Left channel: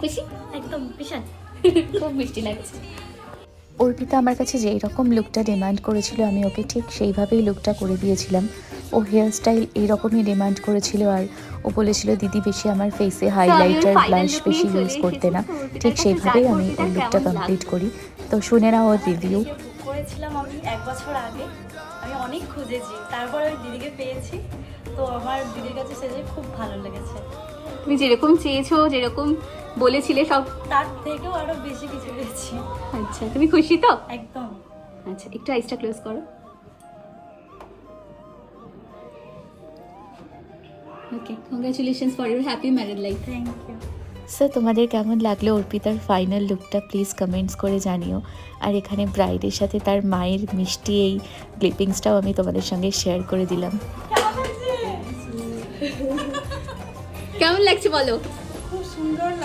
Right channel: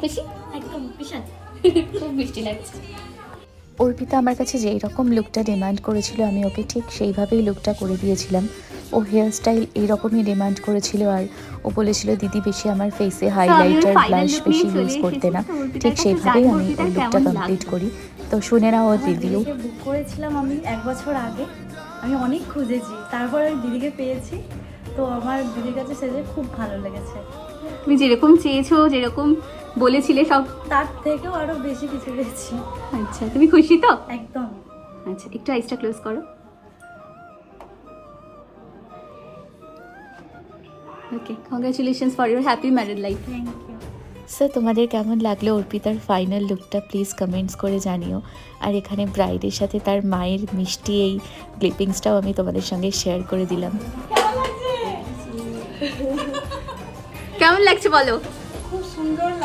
খুশি? একদম বিশাল খুব মিষ্টি লাগছে। অর্পিতা আমার কাছে যেই রকম লুকটা ডিমান্ড করেছিল আমি ওকে ঠিক সেইভাবেই লুকটা করে দিয়েছিলাম। ও হেয়ার স্টাইল এইরকমই ডিমান্ড করেছিল আর ও বলেছিল দিদি বেশি আমার ফেসে হাইলাইটার ব্লাশ বেশি ইউজ করতে না। ঠিক সেইভাবেই আমি ওর লুকটা কমপ্লিট করি। তো শুনে নাও ওর রিভিউ বুক করেছিলাম আমি এক বছর আগে। আমি অনেক খুঁজেছি। তারপরে আমি দিদিকে পেয়েছি। তো আমার দিদির কাছে সেজে খুব ভালো লেগেছে। তুমি যেরকম চেয়েছো যেরকম বলেছিলে সব? তার থেকেও আরও বেশি কিছু পেয়েছি। আচ্ছা তুমি খুশি তো? একদম। আচ্ছা একটু আইসটা ক্লোজ করো। Okay congratulations for your happy married life thank you তোমাদের কেমন লাগল অর্পিতার ফাইনাল লুকটা প্লিজ কমেন্টস করে জানিও। আর এখানে ব্রাইডের সাথে তার মায়ের মিষ্টি এই ক্লিপিংসটাও আমি তোমাদের সঙ্গে শেয়ার করে দিলাম। কেমন লাগছে বলো? খুব সুন্দর